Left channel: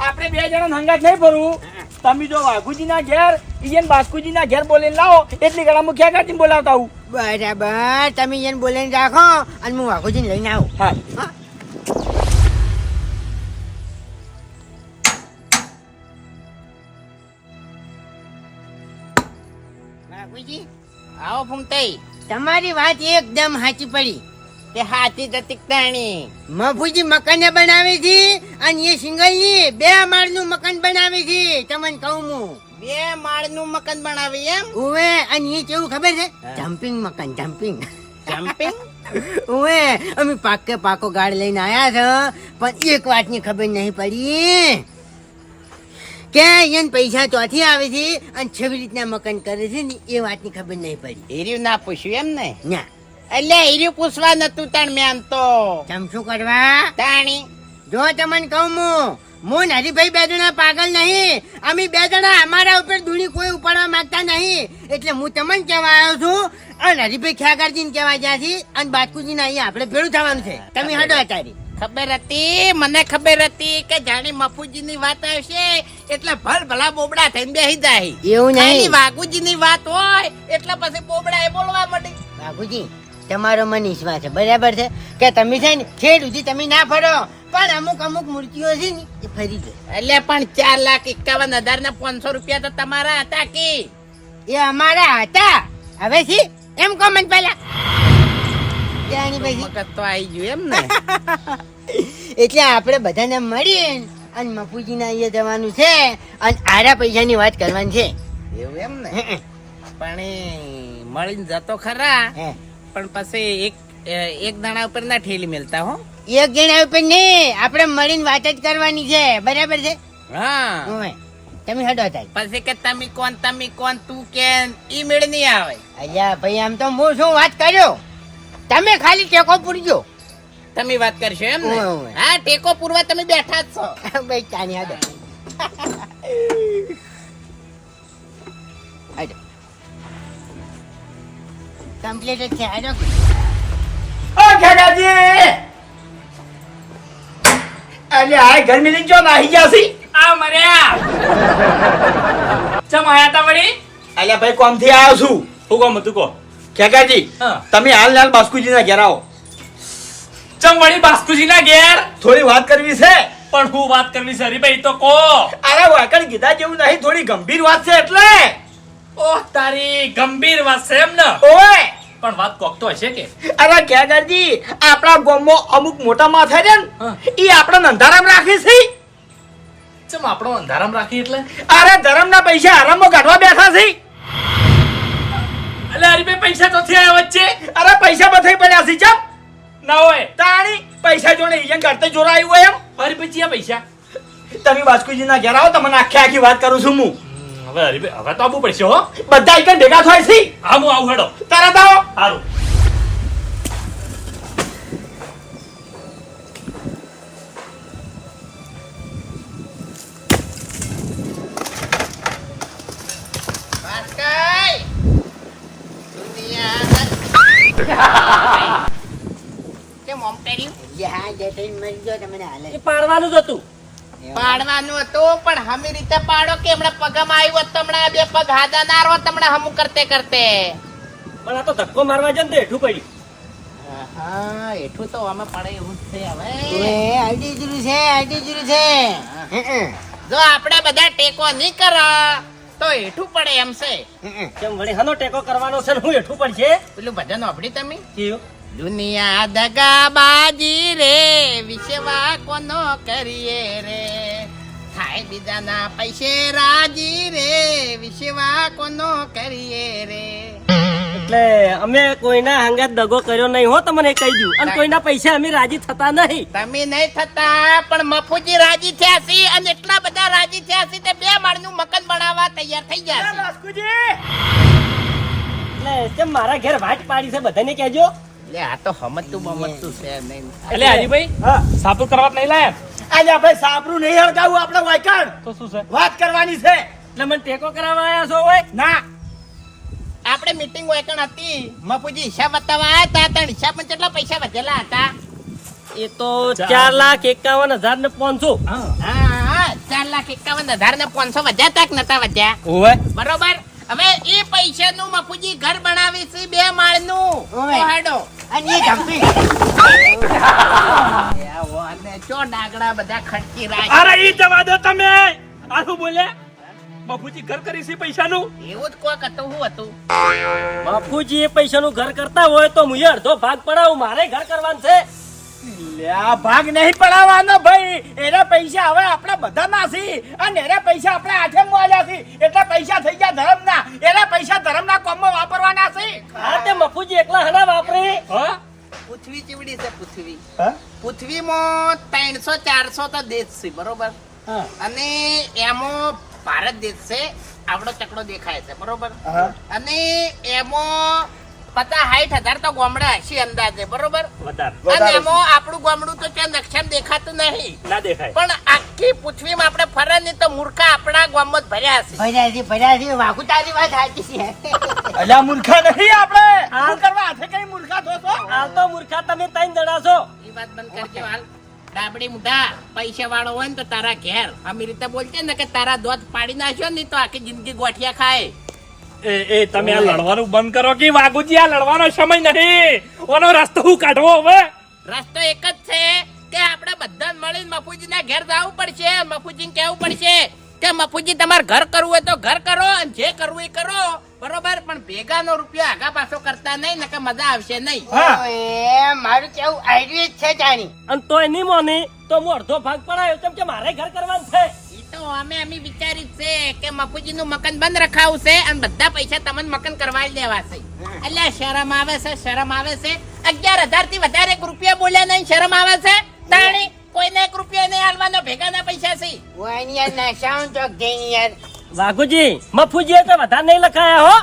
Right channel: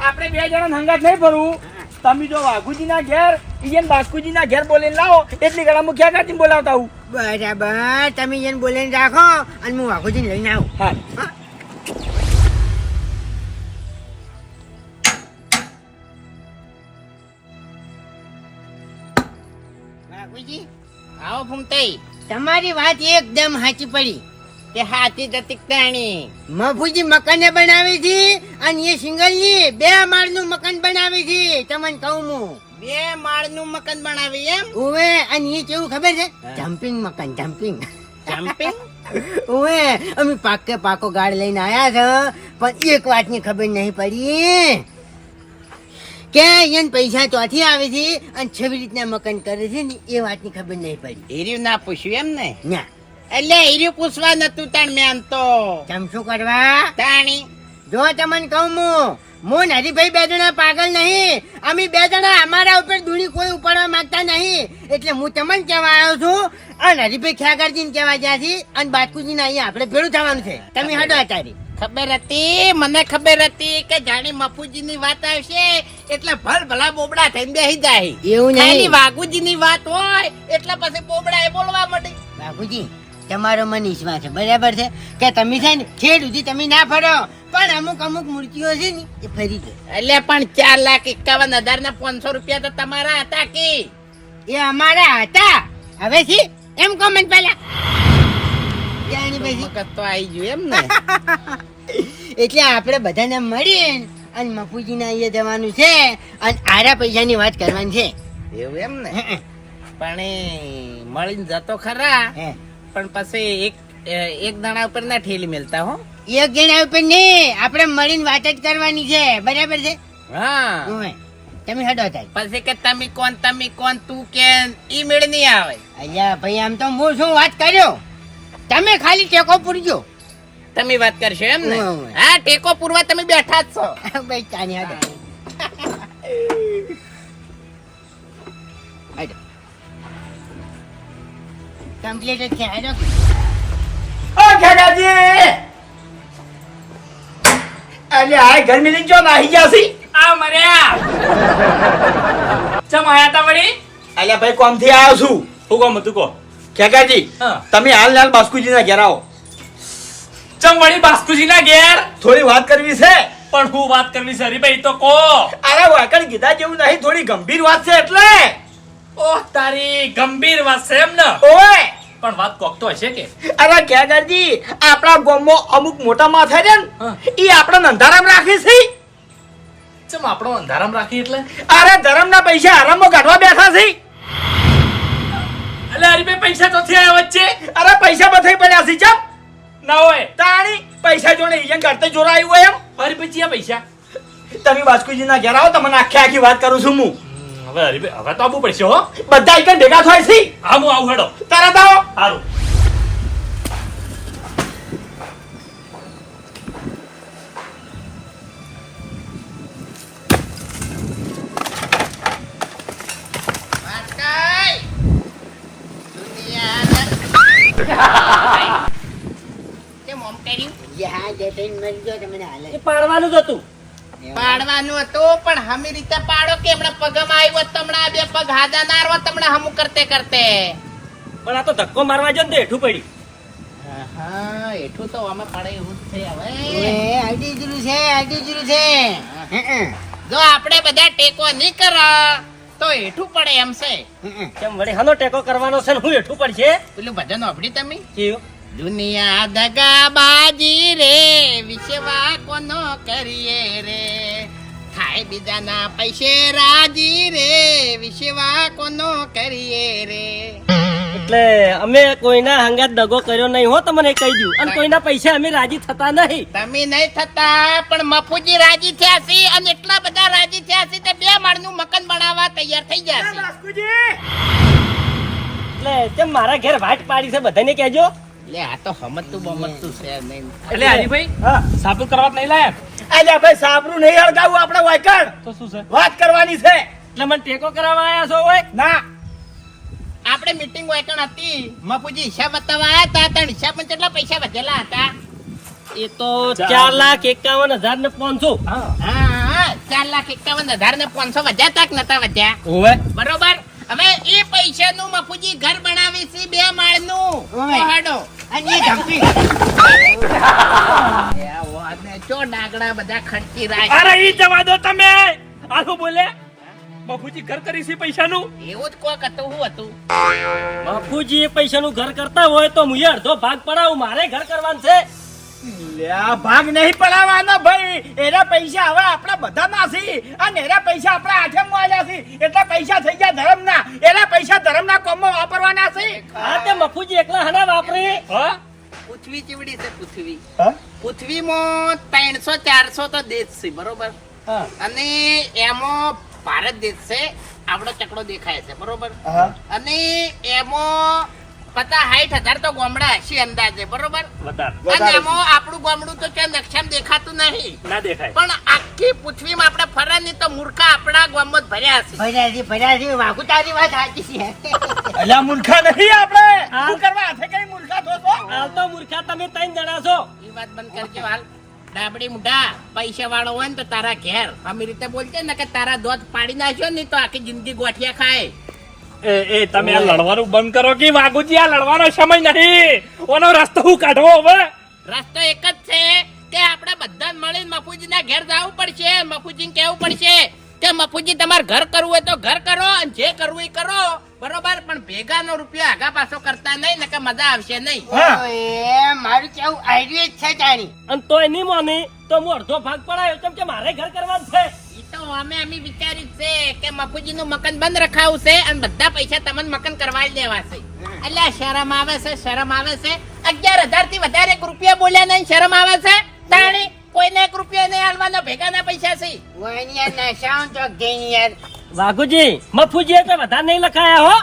આપણે બે જણા હંગાત નહીં ભરવું. તમે જો વાઘુજી ના ઘેર ઈયન બાસ્કુજી ના ઘેર બોલીને લાવો એટલી ઘણા મુખ્યા કાચી બોલાવતા હું બરાબર તમે ઈયન બોલીને રાખો અને હું વાઘુજીને લઈને આવું. હા. વાઘુજી આવો ફૂમતાઈ તમારી વાત એકદમ સાચી પડી. તે હાથી જતી તાણી મફુજી મકાન બનાવી છે અને એ સિંગલની બે માળનું મકાન બનાવી છે. તમને કહું હું. બે માળનું મકાન બનાવી એમ? ઓવે અને એ કેવું ખબર છે? જમ્પિંગ મકાન જમ્પિંગ. જમ્પિંગ? ઓવે અમે પાકે પાકો ગાડ લઈને આયા છે પણ એક વાતની ખબર નહીં પડી. કે એને પૈસા ચોથી આવે છે અને છેવી રીતના મકાન કરે છે ને એ વાતની ખબર નહીં પડી. હીર્યું ના પૂછ્યું એમ ને ના. એટલે હીરી પૂછવા નતું તાણ મેં આમ તો. કેમ શું કરવા? તાણી. જો તમને કહું હું હું હરીભાઈ બે જણા પાગલ નહીં. અમે બે જણા અમારા ઉપર ધૂળી કોઈ ઉપાડવા માંગતા નહીં. એટલે હું તમને કહેવા આવ્યો છું અને હરીભાઈ ખ્યાગરજી ને કહેવા ગયા છે અને બાટકુજી ને અહીંયા આપણે ભેળું થવાનું છે. તમે હડો આચારી ખબર હતી? મને ખબર હતી કે જાણી મફુજી ની વાત આવશે એટલે ભલ ભલા બોબડા થઈને બેસી જાય. એવું નહીં. વાઘુજી ની વાત હોય એટલે પછી બોબડા એ બોલવા માંડે. બાપુજી તમારો મન વિશ્વાસ છે. બરાબર છે? કે તમે છે ને છેડ સુધી તમે ના ફરો. પણ અમુક અમુક મૂર્તિઓ છે ને એ ફરી જાય એટલે પણ ચાર લાખ એકાવન હજાર ને પાંચસો રૂપિયા તો તમારા હતા કે? એ અમારા હતા. હવે શી? એમ કહો મને તો આવી ગયું એમ ને. એટલે આપણે બધાને મળીએ અને મફુજીના અહીંયા જવાનું છે. અને આરા પૈસાની વાત કરવાની છે. એવું એમ ને. પણ મળીને જતો ખરા. પણ પછી એક એક દાણા ઉપર ના ઠેલી મેલતા હો. એક જણા ઉપર નહીં આપણે મળીને વાત જ કરવાની છે. બરાબર છે? હા. તમે હડો થાય પછી કે તમે કોણ તમે કોણ તું કે ઈ મેળ નહીં આવે. અલ્યા ભાઈ આમ તો હું શું વાત કર્યો? તમે ખાલી ટેકો પૂરજો. તમે વાત કરશો એમ ને. હા ટેકો પૂરવા તમે બેઠા જ છો. ભાઈ ચાની હડો. હટો કમ્પ્લીટ જ છે. હટો ઓ ખેગાજી અરે આ ઘર મિલી જો નાહી છી? આ મર્યા. ચમ આયા તા વળી? અલ્યા ભાઈ કોમથી આવ્યો છું? હું કોમ હતું કો. ખેગાજી. તમે હાલ હાલ બાસ્કુજી ના ઘેર આવો. ચમ વળી બાસ્કુજી ના ઘેર? થોડી વાત કરવી છે? પણ હું વાત કરવી છે? હરીભાઈ તો કો. અરે વાકણ કીધા જેવું નહીં થોડી ગંભીર વાત છે એટલે. ઓહ તારી ગંભીર વાત છે એમ ને? ઓય! પણ વાત કોક તો હશે કે? અરે ખેગાજી આપણા ગામમાં અમુક મોટા માથા છે ને ઈ આપણે અંધારામ રાખે છે. ચમ આપણો અંધારામ રાખી એટલે? અરે ધરમના પૈસા આરામમાં કાઢવા બેઠા છે. એટલે હરીભાઈ પૈસા તો થયા વચ્ચે. અરે પૈસા બધાય પડ્યા છે ચમ. ના હોય. તાણી પૈસા જોડે ઈયન કરતે જોરાયું હોય એમ. અરે પછી આ પૈસા. તમે બાસ્કુજી ના ઘેર આવો તમને આખી આખી વાત કરું છું હું. હવે હરીભાઈ હવે તો આવવું પડશે હો. બધા એક ભેગા થાય છે? હા હું આવું હેડો. તરત આવો. સારું પાડવાનું જ હતું. પાડવાનું હતું પણ હમી રીતે પાડો કે હમણાં પગમાં આવ્યો હોત તો હમણાં આ બે પગ હાજા ના રહો હમણાં હમું કરતે કરતે. પણ આ તો ધક્કો મારવા જાય તો હેઠું પડી હા એઠું તો અમે પડે એવું જ છે એ હવે જીરું છે આઈડી જીરું છે. હે, હે, જો આપણે બધા ટેકો નહીં કરા તો હેઠું પડે એમ છે. હે, હે. કેમ વળી હનો ટેકો કરવાનો છે ને હું હેઠું પડશે? પેલું ભજન આપડી તમે? જીવ. દુનિયા દગાબાજી રે વિશ્વા કોનો કરીએ રે? થાય બીજાના પૈસે રાજી રે વિશેવા કોનો કરીએ રે? એટલે અમે કોઈના હંગાત દગો કર્યો નહીં હો તમને કહી દઉં. અને કોઈના પૈસા અમે રાજી થતા નહીં. તમે નહીં થતા પણ મફુજી રાજી થયા છે અને એટલા બધા રાજી થયા છે તે બે માળનું મકાન બનાવવા તૈયાર થઈ ગયા છે એટલે તેમ મારા ઘેર વાટ પાડી છે બધાને કહેજો. એટલે આ તો હમતું બમતું છે નહીં. એટલે હરીભાઈ હા. સાપુ કરવા નહીં લાયા? અલ્યા ભાઈ સાબરું નહીં હળગાવું આપણે વાયકણ? તો શું છે? વાત કરવાની છે. એટલે મને ટેકો કરાવવા આવ્યા છો હોય ના. આપણે મીટિંગ વાયકણ હતી. મપુજી હિસાબ બતાવવા આવ્યા હતા? ત્રણ હિસાબમાં કેટલા પૈસા વધેલા હતા? એ તો ચાર લાખ એકાવન હજાર ને પાંચસો. હા. હા હા ચાર લાખ એકાવન હજાર ને પાંચસો વધ્યા તાક નતા વધ્યા? બરોબર? હવે એ પૈસાનું મફુજી ઘર બનાવી છે બે માળનું. ઓવે. અને એ ધમકી. ચો ડાકડા બધા ખર્ચી રાખ. અરે ઈ જવા દો તમે. આનું બોલે? બાપુજી ઘર કરી છે પૈસાનું? એવું જ કોક હતું હું હતું? બાપુજી એ પૈસાનું ઘર કરતા હોય તો હું અડધો ભાગ પડાવું. મારે ઘર કરવાનું છે. ભાગ નહીં પડાવવાનો ભાઈ. એના પૈસા હવે આપણા બધા ના છે. અને એના પૈસા આપણા આઠે મળ્યા છે. એટલા પૈસા થઈ ગયા ધર્મના. એના પૈસા ધર્મના કામમાં વાપરવાના છે. હા તે મફુજી એકલા હના વાપરે. હા? પૃથ્વી ચીવડી છે પૃથ્વી. હા? પૃથ્વીમાં ત્રણસો ચારસો તો દેશ છે બરોબર? અને એમાં ભારત દેશ છે આપણો ચકડો દેખાય છે બરોબર? અને એમાં પચાસ હાઈટ હજાર તો ગોમડા હશે અંદાજે બરોબર? અને એમાં આપણું ગોમડું તો ત્યાં નકશામાં દેખાતું નહીં. ના દેખાય. પણ આખી પૃથ્વીમાં આપણે ફરે ને તો મૂર્ખા આપણા ગામમાં જ ભર્યા છે ભર્યા ભર્યા છે વાઘુ તારી વાત સાચી છે. એટલે મૂર્ખા નહીં આપણે. શું કરવા હાથે કઈ મૂર્ખા થો તો હાલ તો મૂર્ખા તમે ત્રણ જણા છો. એ વાત બંધ કરજો હાલ. ડાબડી મુઢા પૈસા વાળો હોય ને તો તારા ઘેર. અમે રીતે બોલતે ને કે તારા દોધ પાડી નાખ્યો ને તો આખી જિંદગી ગોઠિયા ખાય. એ એ તમે આ લડવાનું બંધ કરો કે વાઘુજી આ લડવાનો સમય નથી ઓનો રસ્તો હું કાઢવો હવે? રસ્તો એક જ છે કે આપણે બધા મળીને મફુજીના ઘેર જવું પડશે મફુજીને કહેવું પડશે કે મફુજી તમારે ઘર કરવું હોય તો ઘર કરો અને જે કરવું એ કરો. બરોબર? પણ ભેગાનો રૂપિયો આગા પાછો કરતા નહીં ને કે મજા આવશે નહીં. એ મારું કેવું આઈડિયા છે જાણી. અને તોય નહીં મોની તો હું અડધો ભાગ પડાયો કેમ કે મારે ઘર કરવાનું છે. તો અમે અમે વિચાર્યું છે કે મફુજી નું મકાન બંધ રખાવું છે અને બધા પૈસા તમને મકાન કરવા જ દેવા છે. એટલે શરમ આવે છે શરમ આવે છે. અગિયાર હજારથી વધારે એક રૂપિયા બોલ્યા નહીં શરમ આવે છે? તાણી કોઈને એક રૂપિયો નહીં હાલવાનો ભેગાના પૈસા છે. વાઘુજી મફુજી તો વધારે નહીં લખાયા હો.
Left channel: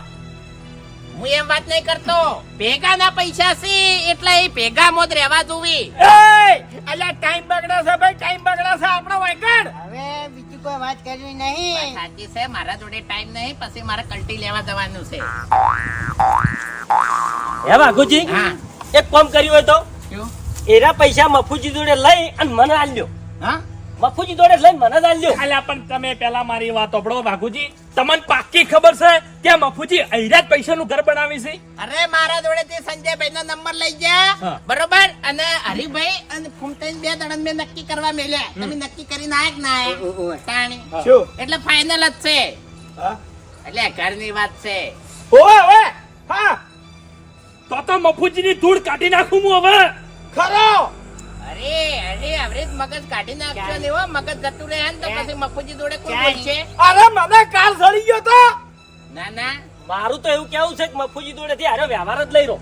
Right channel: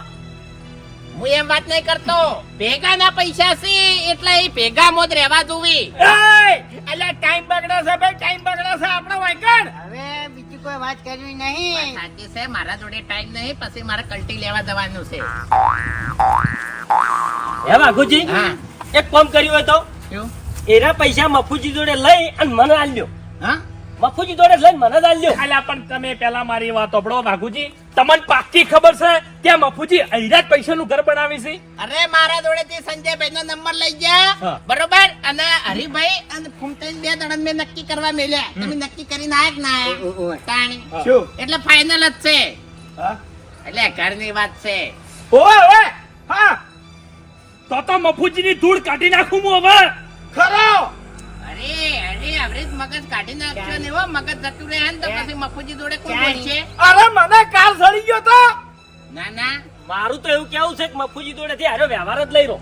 હું એમ વાત નહીં કરતો. ભેગાના પૈસા છે એટલે એ ભેગા મોત રહેવા જોવી. એટલે અલ્યા ટાઈમ બગડે છે ભાઈ ટાઈમ બગડે છે. આપણો વાંકણ. હવે બીજી કોઈ વાત કરવી નહીં. સાચી છે મારા જોડે ટાઈમ નહીં પછી મારે કલ્ટી લેવા જવાનું છે. હે વાઘુજી એક કામ કર્યું હોય તો? એના પૈસા મફુજી જોડે લઈ અને મને આલ્યો હા? મફુજી જોડે લઈ મને જ આલ્યો અલ્યા પણ તમે પેલા મારી વાત સાંભળો વાઘુજી. તમને પાક્કી ખબર છે કે મફુજી અહીરા જ પૈસાનું ઘર બનાવી છે? અરે મારા જોડે તે સંજયભાઈ નો નંબર લઈ ગયા. બરોબર? અને હરિભાઈ અને ફૂમતાઈ બે દડન મેં નક્કી કરવા મેલ્યા. તમે નક્કી કરીને આયા કે ના આયા? તાણી શું? એટલે ફાઇનલ જ છે. એટલે એટલે ઘરની વાત છે. ઓય ઓય હા. તો તો મફુજીની ધૂળ કાઢી નાખું હું હવે. ખરો! અરે મગજ કાઢી નાખજો ને હો મગજ જતું રહે ને તો પછી મફુજી જોડે કોઈ ચાલી. અરે મને કાલ સડી ગયો તો! ના ના. મારું તો એવું કેવું છે કે મફુજી હારો વ્યવહાર જ લઈ રહ્યો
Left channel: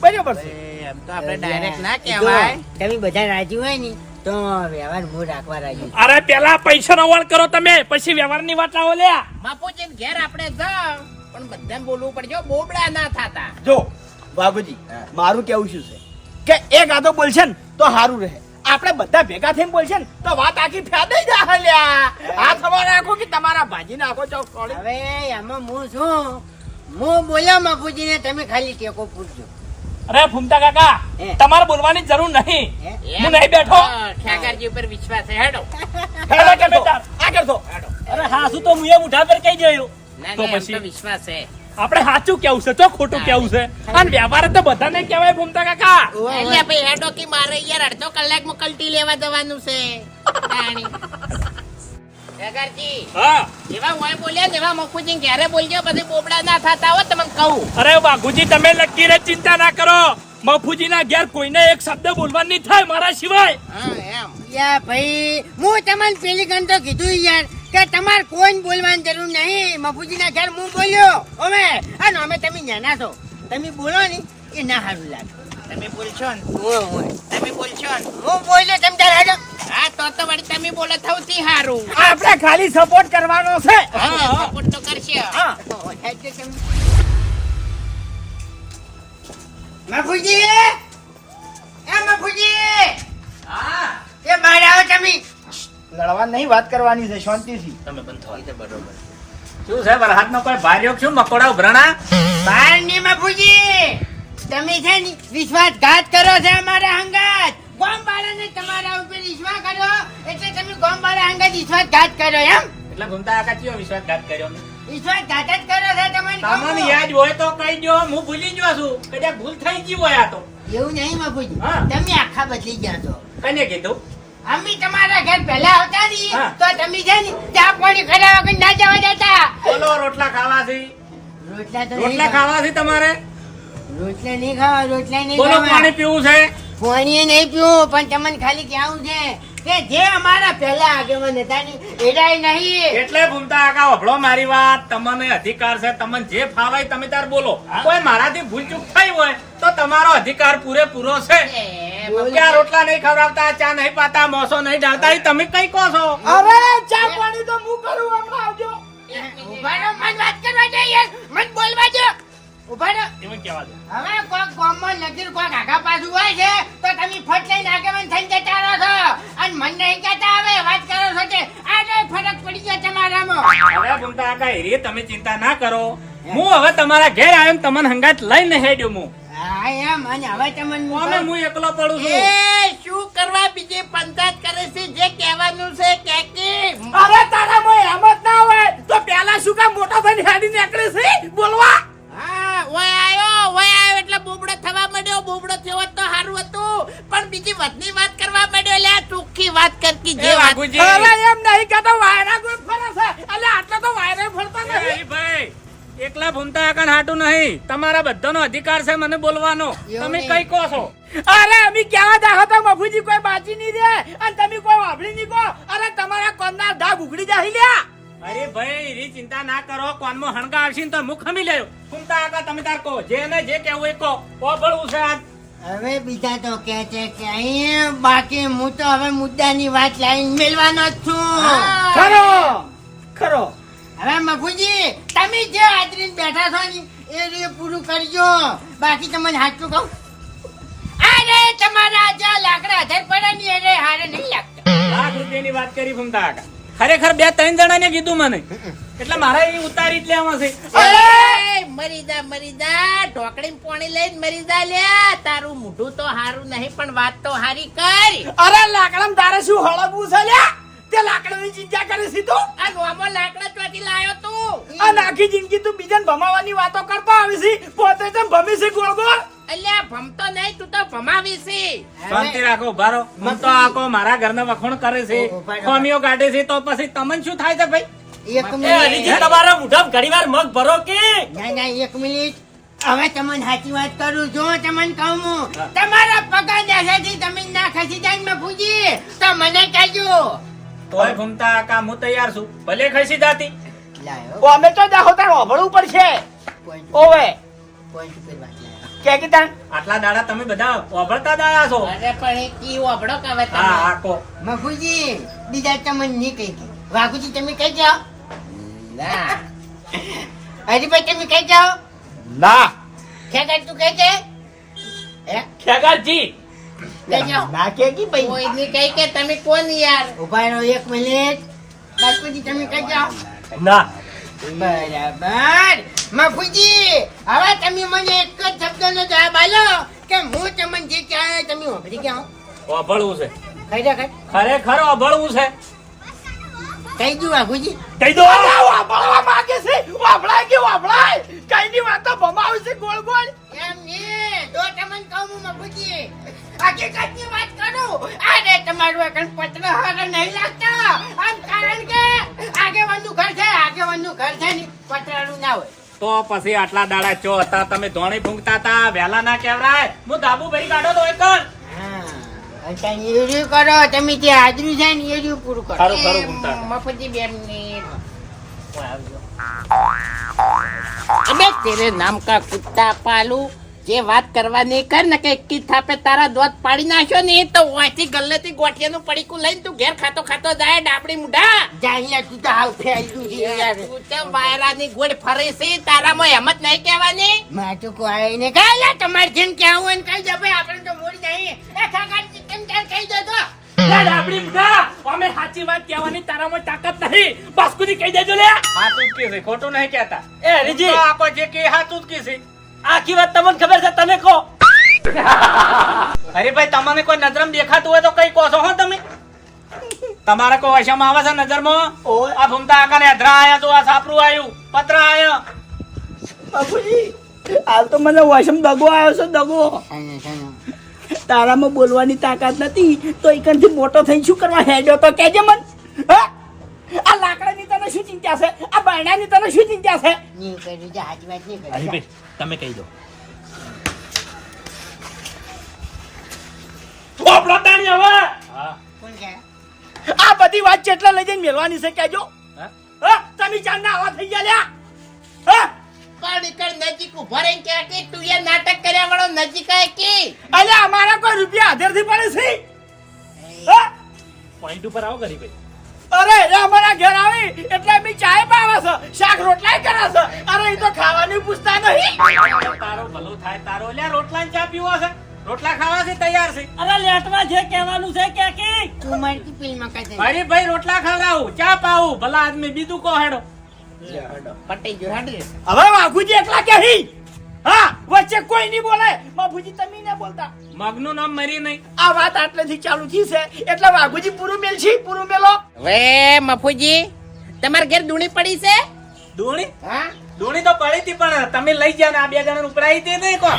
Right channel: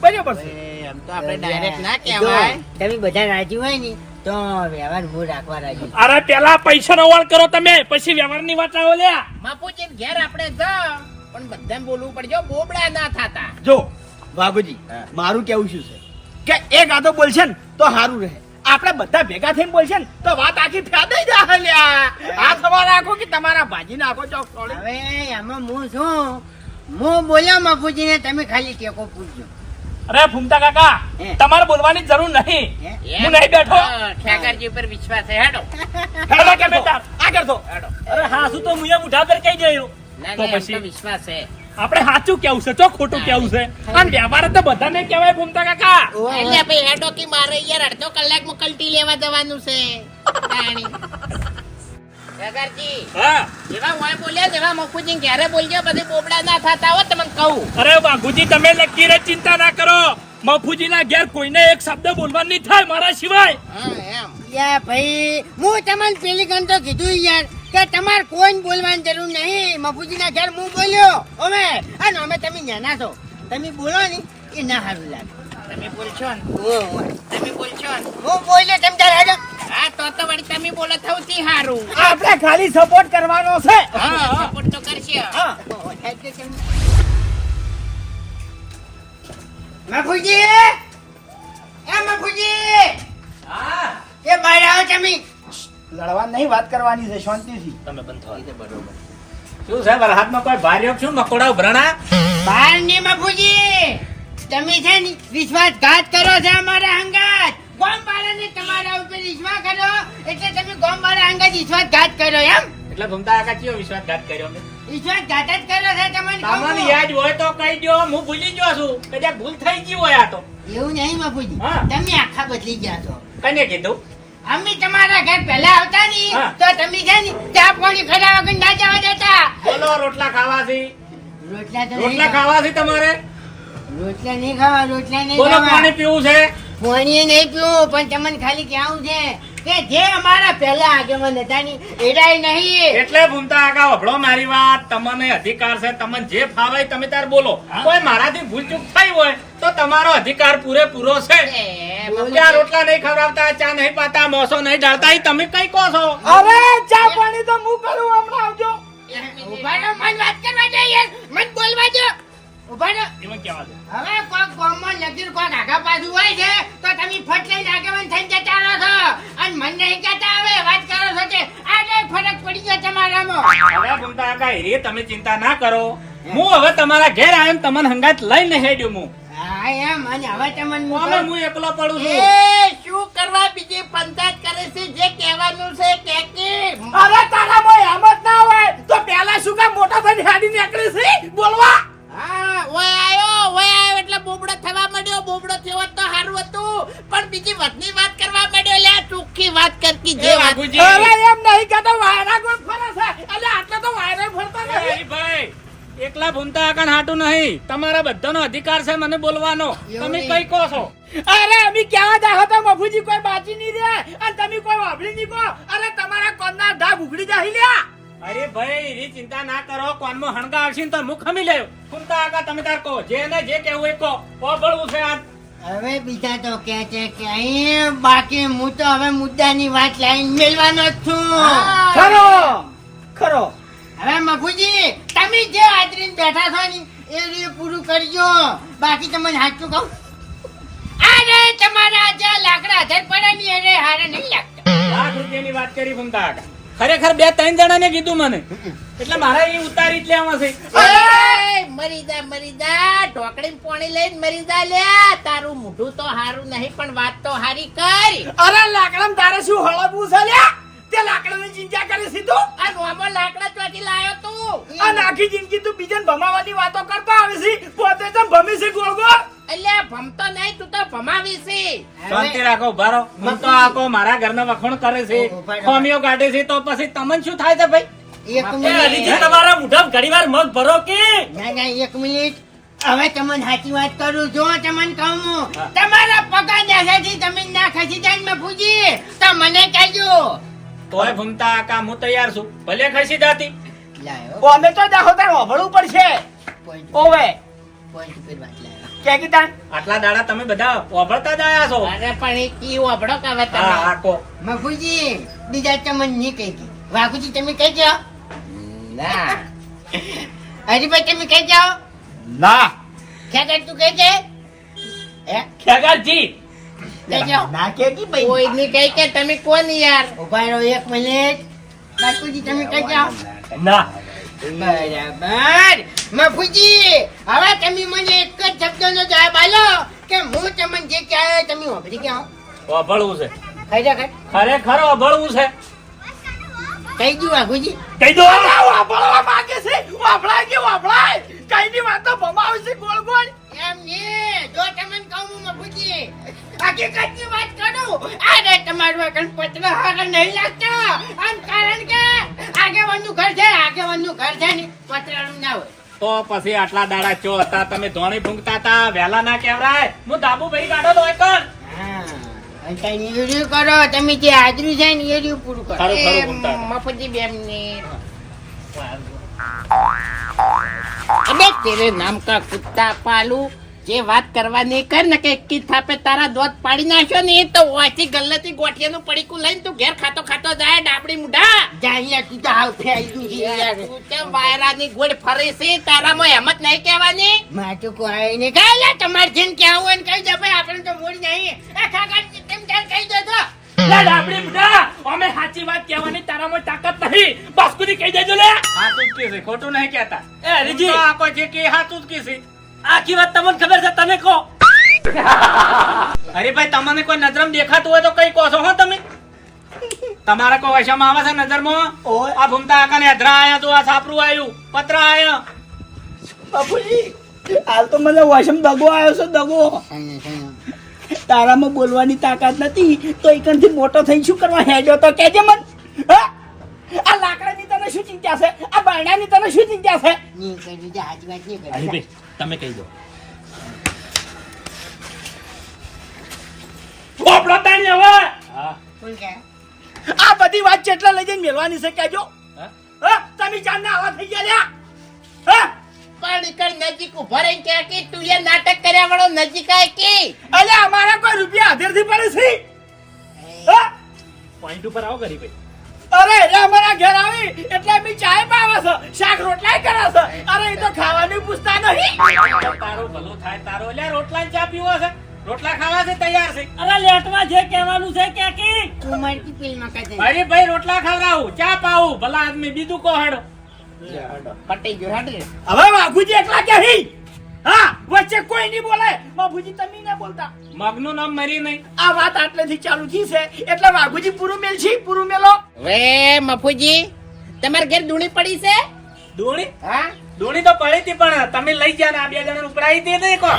બરાબર છે. એમ તો આપણે ડાયરેક્ટ ના કહેવાય. તમે બધા રાજી હોય ને તો વ્યવહાર હું રાખવા રાજી. અરે પેલા પૈસા નો વાળ કરો તમે પછી વ્યવહારની વાત આવો લ્યા. મફુજી ઘેર આપણે જાઓ. પણ બધાને બોલવું પડજો બોબડા ના થાતા. જો બાબુજી મારું કેવું શું છે? કે એક આદો બોલશે ને તો સારું રહે. આપણે બધા ભેગા થઈને બોલશે ને તો વાત આખી ફેદાઈ જા લ્યા આ તમારે રાખો કે તમારા ભાજી નાખો ચોક સોળી. હવે એમાં હું છું હું બોલ્યો બાપુજી ને તમે ખાલી ટેકો પૂછજો. અરે ફૂમતા કાકા તમારે બોલવાની જરૂર નહીં. હું? નહીં બેઠો. હા, ઉપર વિશ્વાસ છે. હેડો. હેડો કે બેટા આ કરતો હેડો. અરે હા શું તો મુએ મુઠા પર કહી ગયો તો પછી? વિશ્વાસ છે. આપણે સાચું કેવું છે? ચો ખોટું કેવું છે? અને વ્યવહાર તો બધાને કહેવાય ભૂમતા કાકા. એટલે ભાઈ હેડો કે મારે યાર અડધો કલાકમાં કલટી લેવા જવાનું છે. ઠેકારજી હા. જેવા હોય બોલ્યા ને મકુજી ઘેરે બોલજો પછી બોબડા ના થતા હોય તમને કહું. અરે વાઘુજી તમે નક્કી ચિંતા ના કરો. મફુજીના ઘેર કોઈને એક શબ્દ બોલવા નહીં થાય મારા સિવાય. હા યા ભાઈ હું તમને પેલી ગણ તો કીધું યાર કે તમારે કોઈ બોલવાની જરૂર નહીં. મફુજીના ઘેર હું બોલ્યો. અમે અને અમે તમે નાના છો. તમે બોલો ને એ ના સારું લાગે. તમે બોલશો ને. તમે બોલશો ને? હું બોલ્યો તેમ તારે હાજો હા તો તો વળી તમે બોલો થવતી સારું. આપણે ખાલી સપોર્ટ કરવાનો છે. હા સપોર્ટ તો કરશે હા મફુજી એ મફુજી એ બહાર આવો તમે. લડવા નહીં વાત કરવાની છે શાંતિથી. શું છે વરહાદ નો કોઈ ભાર્યો શું મકોડા ઉભરાણા? બહારની મફુજી તમે છે ને વિશ્વાસઘાત કરો છે અમારા હંગાત. ગોમવાળાને તમારા ઉપર વિશ્વાસ કર્યો એટલે તમે ગોમવાળા અંગે વિશ્વાસઘાત કર્યો એમ? એટલે ભમતા કાકા કયો વિશ્વાસઘાત કર્યો મેં વિશ્વાસઘાત જ કર્યો છે તમને તમને યાદ હોય તો કહી દો હું ભૂલી ગયો છું. કદાચ ભૂલ થઈ ગઈ હોય આ તો. એવું નહીં બાપુજી. તમે આખા બદલી ગયા છો. કને કીધું? અમે તમારા ઘર પહેલા આવતા ની તો તમે છે ને ચા પાણી ખરાવા વગર ના જવા દેતા બોલો રોટલા ખાવાથી. રોટલા તો રોટલા ખાવાથી તમારે? રોટલા નહીં ખાવા રોટલા નહીં બોલો પાણી પીવું છે? પાણી નહીં પીવું પણ તમને ખાલી કેવું છે કે જે અમારા પહેલા આગેવાન હતા ની એડાય નહીં. એટલે ભૂમતા કાકા વભળો મારી વાત. તમને અધિકાર છે તમને જે ફાવાય તમે તાર બોલો. કોઈ મારાથી ભૂલ ચૂક થઈ હોય તો તમારો અધિકાર પૂરેપૂરો છે. કે રોટલા નહીં ખવડાવતા ચા નહીં પાતા મોસો નહીં ડાળતા તમે કઈ કહો છો? અરે ચા પાણી તો હું કરું હમણાં આવજો. ઊભા રહો, મન વાત કરવા દે યાર મન બોલવા દો. ઊભા એમાં કહેવા દો. હવે કોક ગામમાં નદીર કોક આગા પાછું હોય છે તો તમે ફટ લઈને આગેવાન થઈને જતા રહો છો. અને મન નહીં કહેતા હવે વાત કરો છો કે આ ફરક પડી ગયો તમારામાં. હવે ભૂમતા કાકા હેરી તમે ચિંતા ના કરો. હું હવે તમારા ઘેર આવ્યો તમને હંગાત લઈને હેડ્યો હું હા એમ. અને હવે તમને હું એકલો પડું છું? એ શું કરવા બીજી પંચાયત કરે છે? જે કહેવાનું છે કે કે. અરે તારા મોય એમ ના હોય. તો પેલા શું કામ મોટા થઈને હેડી નીકળે છે? બોલવા. બીજી વાતની વાત કરવા માંડ્યો લે ચોખ્ખી વાત કરકી જે વાત અરે એમ નહીં કહેતો વાયરા ગોળ ફરે છે. એટલે આટલા તો વાયરા ફરતા એ નથી. હરીભાઈ, એકલા ભૂમતા કાકા હાટું નહીં. તમારા બધાનો અધિકાર છે મને બોલવાનો. તમે કઈ કહો છો? અરે અમે કેવા જાહો તો મફુજી કોઈ બાજી નહીં રે અને તમે કોઈ વાપરી નહીં કહો. અરે તમારા કોનના ઢાબ ઉઘડી જાય લ્યા. અરે ભાઈ એ ચિંતા ના કરો. કોનમાં હણગા આવશે તો મુખ ખમી લેવ ભૂમતા કાકા તમે તાર કહો. જે ને જે કેવું એ કહો. ઓભળવું છે આ હવે બીજા તો કે છે કે અહીં બાકી હું તો હવે મુદ્દાની વાત લાઈન મેળવાનો જ છું. ખરો. ખરો. હવે મગુજી તમે જે હાજરીને બેઠા છો ને એ રીતે પૂરું કરજો. બાકી તમને સાચું કહું. અરે તમારા જે લાકડા હાજર પડે ને એને હારે નહીં લાગતા. લાખ રૂપિયાની વાત કરી ફમતા ખરેખર બે ત્રણ જણાને કીધું મને. એટલે મારે એ ઉતારી જ લેવા છે. મરીદા મરી જા મરી જા ઢોકળી પોણી લઈને મરીદા લ્યા. તારું મોઢું તો હારું નહીં પણ વાત તો હારી કર. અરે લાકડા તારે શું હળવું છે લ્યા? તે લાકડાની ચિંતા કરે છે તું. આ નોમો લાકડા ચોથી લાયો તું. આ આખી જિંદગી તું બીજાને ભમાવાની વાતો કરતો આવે છે. પોતે તો ભમી છે ગોળ ગોળ? એટલે ભમતો નહીં તું તો ભમાવી છે. શાંતિ રાખો ભારો મન તો આખો મારા ઘરના વખોણ કરે છે. ખામીઓ કાઢે છે તો પછી તમને શું થાય છે ભાઈ? એક મિનિટ. તમારા મોઢામાં ઘડીવાર મગ ભરો કે? ના ના એક મિનિટ. હવે તમને સાચી વાત કરું જો તમને કહું તમારા પગા દેખાથી તમે ના ખસી જાય મેં મફુજી તો મને કહેજો. તોય ભૂમતા કા હું તૈયાર છું. ભલે ખસી જાતી. ઓ અમે તો જાહો તાર હોભળવું પડશે. ઓવે પોઈન્ટ ઉપર વાત કે કીધા? આટલા દાડા તમે બધા વાપરતા જ છો. અરે પણ એ કી વભડો કે હવે હા તમે? હા કો. મફુજી બીજા ચમન નહીં કહી વાઘુજી તમે કહી જાઓ ના. હરીભાઈ તમે કહી જાઓ ના. ખેતર તું કહી દે હે? ખેગારજી ના કે કી ભાઈ. કઈ કે તમે કોણ યાર? ઊભા રહો એક મિનિટ. બાપુજી તમે કહી જાઓ ના. બરાબર. મફુજી હવે તમે મને એક જ શબ્દનો જવાબ આલો કે હું તમને જે કહેવાય તમે વાપરી ગયા વાપરવું છે. ખાઈ ખરેખર અભળવું છે. કહી દઉં વાઘુજી કહી દો વાપરવા માંગે છે. વાપરાય કે વાપરાય? કઈ ની વાતો ભમાવે છે ગોળ ગોળ. એમ ને જો તમને કહું હું મફુજી હકીકતની વાત કરું? અરે તમારું આગળ પત્ર હારા નહીં લાગતા. આમ કારણ કે આગેવાનનું ઘર છે આગેવાનનું ઘર છે ને પતરાનું ના હોય. તો પછી આટલા દાડા ચો હતા તમે ધોણી ફૂંકતા હતા વહેલા ના કહેવાય હું દાબુ ભરી કાઢો તો એક જ. કરો તમે જે હાજરી છે ને એર્યું પૂરું કરો. ખરું ખરું ઘૂમતા હતા. મફુજી બે અબે તેરે નામ કા કુત્તા પાલુ જે વાત કરવાની કર ને કે કી થાપે તારા દોત પાડી નાખ્યો ને તો વાંચી ગલ્લેથી ગોઠિયાનું પડીકું લઈને તું ઘેર ખાતો ખાતો જાય ડાબડી મુઢા. જાય તું તો છે યાર. તું તે વાયરાની ગોળ ફરે છે તારામાં હેમત નહીં કહેવાની. માટું કોઈ ને કાંઈ તમારે જેમ ક્યાં હોય ને કહી દે ભાઈ આપણે તો મોડી નહીં. લે ડાબડી અમે સાચી વાત કહેવાની તારામાં તાકાત નહીં બાસ્કુની કહી દેજો લે. હાચું જ કીધું, ખોટું નહીં કહેતા. એ હરીજી તો આખો જે કે હાચું જ કીધું. આખી વાત તમને ખબર છે તમે કહો. અરે ભાઈ તમને કોઈ નજરમ દેખાતું હોય તો કઈ કહો છો હો તમે? તમારા કોઈ વશામાં આવે છે નજરમાં? ઓય. આ ભૂમતા આકાને અધરા આયા તો આ સાપરું આયું. પત્ર આયો. બાપુજી હાલ તો મને વશમ દગો આવ્યો છે દગો. તારામાં બોલવાની તાકાત નથી તો એકણથી મોટો થઈને શું કરવા હેડ્યો તો કેજે મન. હા? આ લાકડાની તને શું ચિંતા છે? આ બાયણાની તને શું ચિંતા છે? તમે કહી દો. તાણી હવે! હા. કોણ છે? આ બધી વાત જેટલા લઈ જઈને મેળવાની છે કેજો હા? હા? તમે ચાંદના આવા થઈ ગયા લ્યા. હા? પણ નીકળ નજીક ઊભો રહીને કે કે તું એ નાટક કર્યા વાળો નજીક આય કે. અલ્યા અમારા કોઈ રૂપિયા હાથેરથી પડે છે? પોઈન્ટ ઉપર આવો ગરીભાઈ અરે એટલે અમારા ઘર આવી. એટલે અમે ચાય પાવે છે શાક રોટલાય કરે છે. અરે એ તો ખાવાની પૂછતા નહીં. તારો ભલો થાય તારો. લ્યા રોટલા ચા પીવો છે. રોટલા ખાવા છે તૈયાર છે. અરે લેટવા જે કહેવાનું છે કે કે? તું મારી ફિલ્મ ભાઈ રોટલા ખવડાવું ચા પાવું. ભલા આદમી બીજું કહો હેડો. પટી ગયો હાડે. હવે બાપુજી એકલા કે હા? વચ્ચે કોઈ નહીં બોલે. બાપુજી તમે ના બોલતા. મગનું નામ મરી નહીં. આ વાત આટલેથી ચાલુ થઈ છે. એટલે બાપુજી પૂરું મેલશી પૂરું મેલો. હવે મફુજી તમારા ઘેર દૂણી પડી છે? દોણી? હા. દોણી તો પડી હતી પણ તમે લઈ ગયા ને આ બે જણા ઉપરાઈ હતી નહીં કો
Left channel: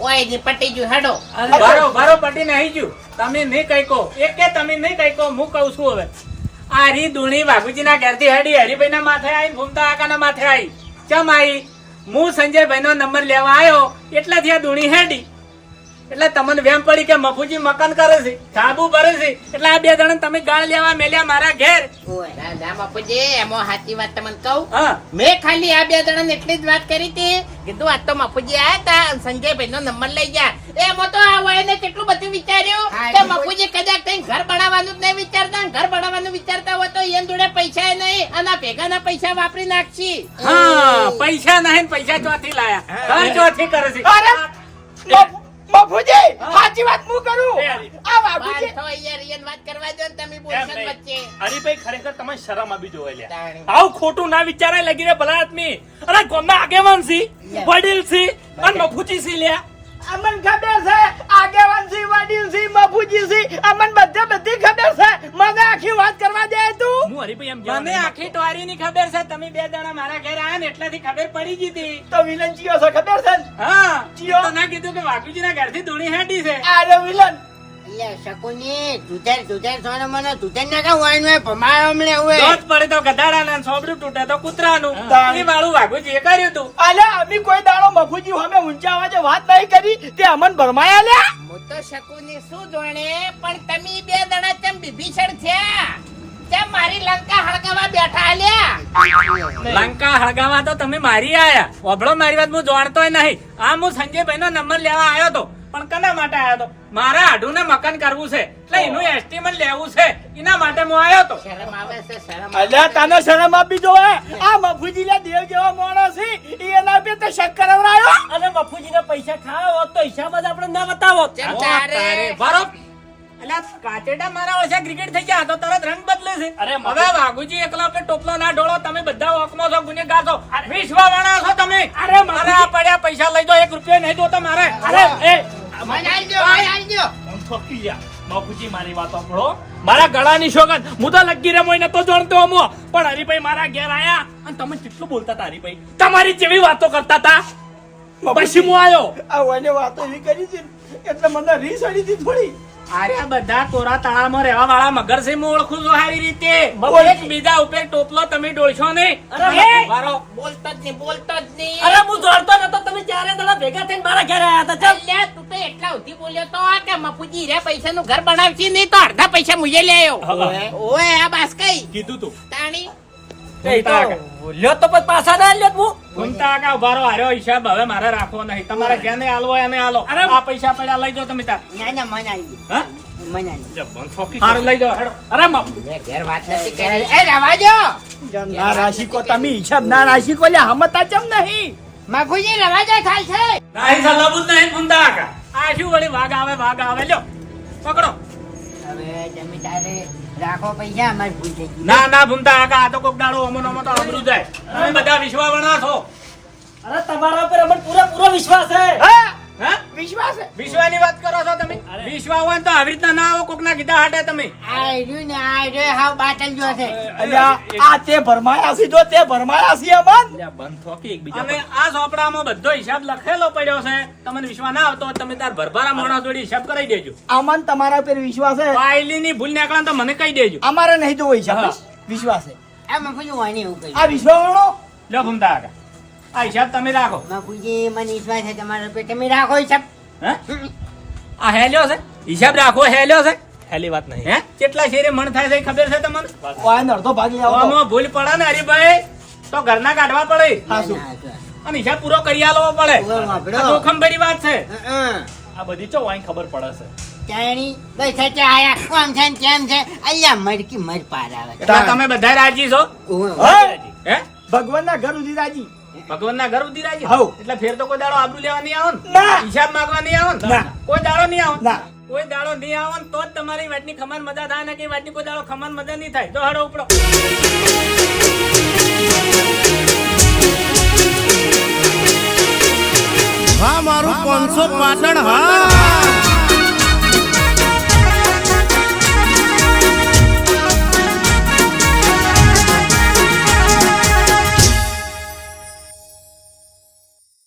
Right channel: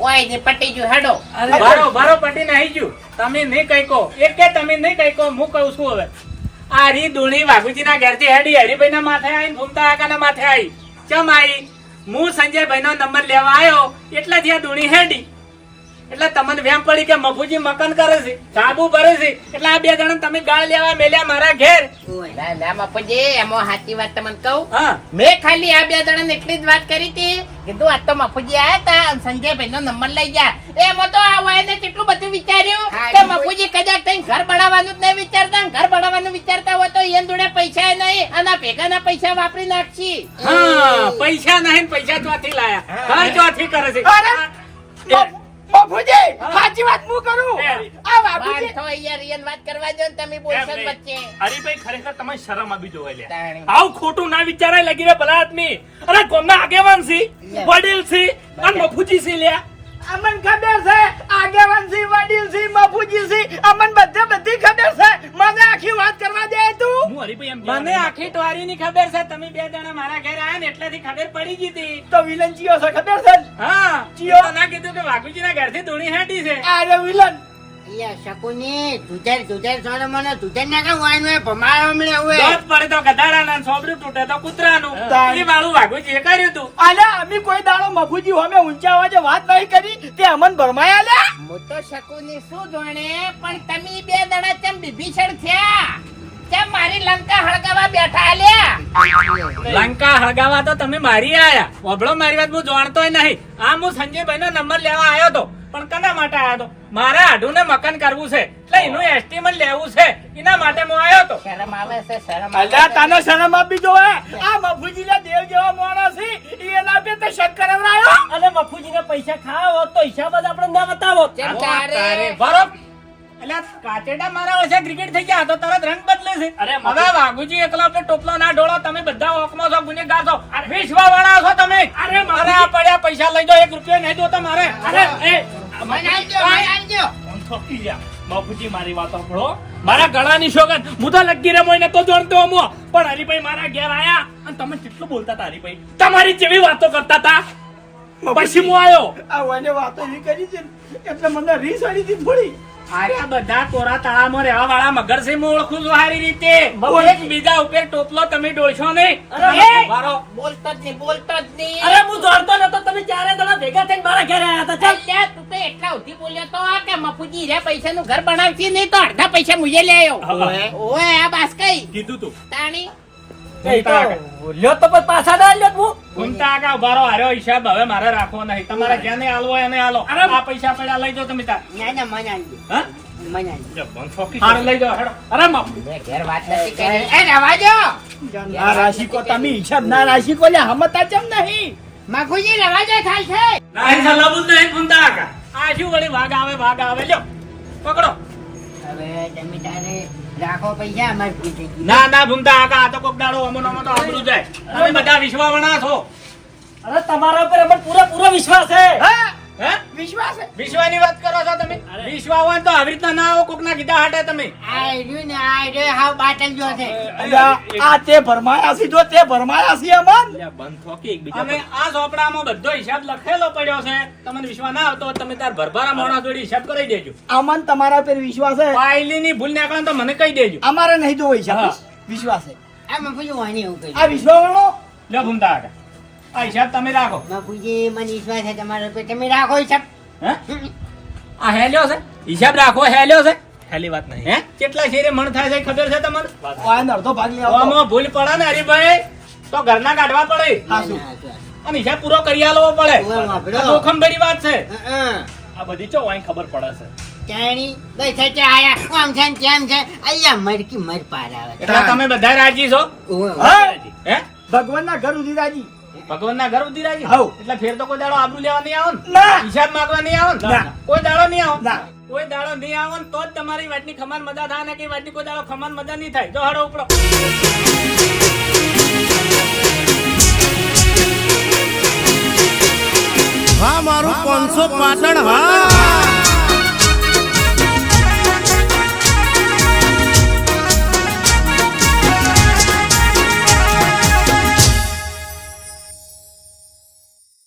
કોઈ પટી ગયું હાડો. બારો બારો પટી નહીં ગયું. તમે નહીં કઈ કહો એક કે તમે નહીં કઈ કહો હું કહું છું હવે. આ રી દોણી વાઘુજી ના ઘેરથી હેડી હરિભાઈ ના માથે આવી ભૂમતા કાકા ના માથે આવી ચમ આવી હું સંજયભાઈ નો નંબર લેવા આવ્યો એટલાથી આ દુણી હેડી. એટલે તમને વેમ પડી કે મફુજી મકાન કરે છે સાબુ ભરે છે એટલે આ બે જણા તમે ગાળ લેવા મેલ્યા મારા ઘેર. ના ના મફુજી એમાં સાચી વાત તમને કહું. મેં ખાલી આ બે જણાને એટલી જ વાત કરી હતી કીધું આ તો મફુજી આયા તા સંજયભાઈ નો નંબર લઈ ગયા એમાં તો આ વાયને કેટલું બધું વિચાર્યું કે મફુજી કદાચ કઈ ઘર બનાવવાનું જ નહીં વિચારતા ઘર બનાવવાનું વિચારતા હોય તો એન જોડે પૈસા નહીં અને ભેગા ભેગાના પૈસા વાપરી નાખશી. હા પૈસા નહીં ને પૈસા ચોથી લાયા. ઘર ચોથી કરે છે. બાપુજી સાચી વાત હું કરું? આ બાપુજી. તો યાર એન વાત કરવા દો ને તમે બોલશો ને વચ્ચે. હરીભાઈ ખરેખર તમે શરમ આવી જોવે લ્યા. આવ ખોટું ના વિચારે લાગી રે ભલા આદમી. અરે ગામના આગેવાન સી વડીલ સી અને મફુજી સી લ્યા. અમન ખબર છે આગેવાન વડીલસી વડીલ છે અમન બધે બધી ખબર છે. મને આખી વાત કરવા દે તું. હું હરીભાઈ એમ મને આખી ટોળીની ની ખબર છે. તમે બે જણા મારા ઘરે આયા ને એટલેથી ખબર પડી ગઈ હતી. તો વિલન ચિયો છે ખબર છે? હા. ચિયો? તો ના કીધું કે વાઘુજીના ઘરથી ઘરથી ધૂણી હાટી છે. આ વિલન. મારી લંકા હળગાવા બેઠા લ્યા લંકા હળગાવા તો તમે મારી આયા. ઓભળો મારી વાત હું જાણતો નહીં. આ હું સંજયભાઈ નો નંબર લેવા આવ્યો તો પણ કના માટે આવ્યો તો? મારા આઢું ને મકાન કરવું છે. એટલે એનું એસ્ટિમેટ લેવું છે. એના માટે હું આવ્યો તો. શરમ આવે છે શરમ અલ્યા તને શરમ આપી જો આ મફુજી લા દેવ જેવા માણસ છે. એના બે તો શક કરાવરાયો અને મફુજીને પૈસા ખાવા હોત તો હિસાબ જ આપણે ના બતાવો ચમ તારે. તારે. એટલે કાચેડા મારા વર્ષે ક્રિકેટ થઈ ગયા તો તરત રંગ બદલે છે. અરે હવે વાઘુજી એકલો કે ટોપલો ના ઢોળો તમે બધા ઓકમો છો ગુનેગાર છો. વિશ્વા વાળા છો તમે. અરે મારે આ પડ્યા પૈસા લઈ દો એક રૂપિયા નહીં દો તમારે અરે. એ મારી વાત સાંભળો. મારા ગળાની શોગન. હું તો લગી રે મોય નતો જાણતો અમો પણ હરીભાઈ મારા ઘેર આયા અને તમે કેટલું બોલતા હતા હરીભાઈ? તમારી જેવી વાતો કરતા હતા. પછી હું આવ્યો આ વાતો એવી કરી છે એટલે મને રીસ અડી હતી થોડી. અરે બધા કોરા તળામાં રહેવા વાળા મગર છે હું ઓળખું છું સારી રીતે. એક બીજા ઉપર ટોપલો તમે ડોળશો નહીં. બોલતો જ નહીં બોલતા જ નહીં. અરે હું જોડતો નતો તમે ચારે દડા ભેગા થઈને મારા ઘરે આવ્યા હતા ચાલ. તું તો એટલા સુધી બોલ્યો તો કે મફુજી રે પૈસા નું ઘર બનાવતી નહીં તો અડધા પૈસા મુજે લે આવ્યો ઓય આ બાસ કઈ? કીધું તું. તાણી? લ્યો તો પછી પાછા ના લ્યો હું ઘૂમતા આગા ઉભારો હાર્યો હિસાબ હવે મારે રાખવો નહીં. તમારે જેને હાલવો એને હાલો આ પૈસા પડ્યા લઈ જાઓ તમે તાર ના, ના, મને આઈ હા? મને આઈ દ્યો. જબ્બન ઠોકી હારું લઈ જાઓ હેડો. અરે બાપુ ઘેર વાત નથી કરી. એ રવા દો. ના રાશિકો તમે હિસાબ ના રાશિકો લ્યા હમતા ચમ નહીં? મફુજી રવા દે થાય છે. નહીં આ શું વળી વાઘ આવે વાઘ આવે? લ્યો પકડો. હવે તમે તારે રાખો પૈસા અમારે ભૂલ ના ના ભૂમતા આગા આ તો કોક દાડો અમો નમો તો આબરૂ જાય. તમે બધા વિશ્વાવણા છો. અરે તમારા ઉપર અમને પૂરેપૂરો વિશ્વાસ છે. હા. હે? વિશ્વાસ? વિશ્વાની વાત કરો છો તમે? વિશ્વા હોય તો આવી રીતના ના આવો કોકના કીધા હાટે તમે. આ ને આ હાવ બાટલ જો છે. અલ્યા આ તે ભરમાયા છે જો તે ભરમાયા છે અમન. બંધ થો એકબીજા અને આ ચોપડામાં બધો હિસાબ લખેલો પડ્યો છે. તમને વિશ્વા ના આવતો તમે તાર ભરભરા માણસ જોડે હિસાબ કરી દેજો. અમન તમારા પર વિશ્વાસ છે? પાયલીની ભૂલ નીકળે તો મને કહી દેજો. અમારે નહીં તો હોય વિશ્વાસ છે. આ મફુજી એવું આ લો ભૂમતા આગળ. આ હિસાબ તમે રાખો. બાપુજી મને વિશ્વાસ છે તમારા ઉપર તમે રાખો હિસાબ. હે? આ હેલ્યો છે? હિસાબ રાખો હેલ્યો છે? હેલી વાત નહીં. હે? કેટલા શેરે મણ થાય છે ખબર છે તમને? ઓય અડધો ભાગી આવો આમાં ભૂલ પડે ને હરીભાઈ? તો ઘરના કાઢવા પડે. હા, અને હિસાબ પૂરો કરી આલવો પડે. આ જોખમ ભરી વાત છે. આ બધી ચો વાંઈ ખબર પડે છે. ચાણી બસ છે આયા. આમ છે ને તેમ છે. અલ્યા મરકી મર પાર આવે. એટલે તમે બધા રાજી છો? હે? ભગવાનના ઘર સુધી રાજી. ભગવાનના ઘર ઉધી રાખી? હઉ. એટલે ફેર તો કોઈ દાડો આબરૂ લેવા નહીં આવો ને. હિસાબ માંગવા નહીં આવો ને. કોઈ દાડો નહીં આવો કોઈ દાડો નહીં આવો ને તો જ તમારી વાતની ખમાન મજા થાય ને કે વાતની કોઈ દાડો ખમાન મજા નહીં થાય. જો હડો ઉપડો. હા મારું પાંચસો પાટણ હા.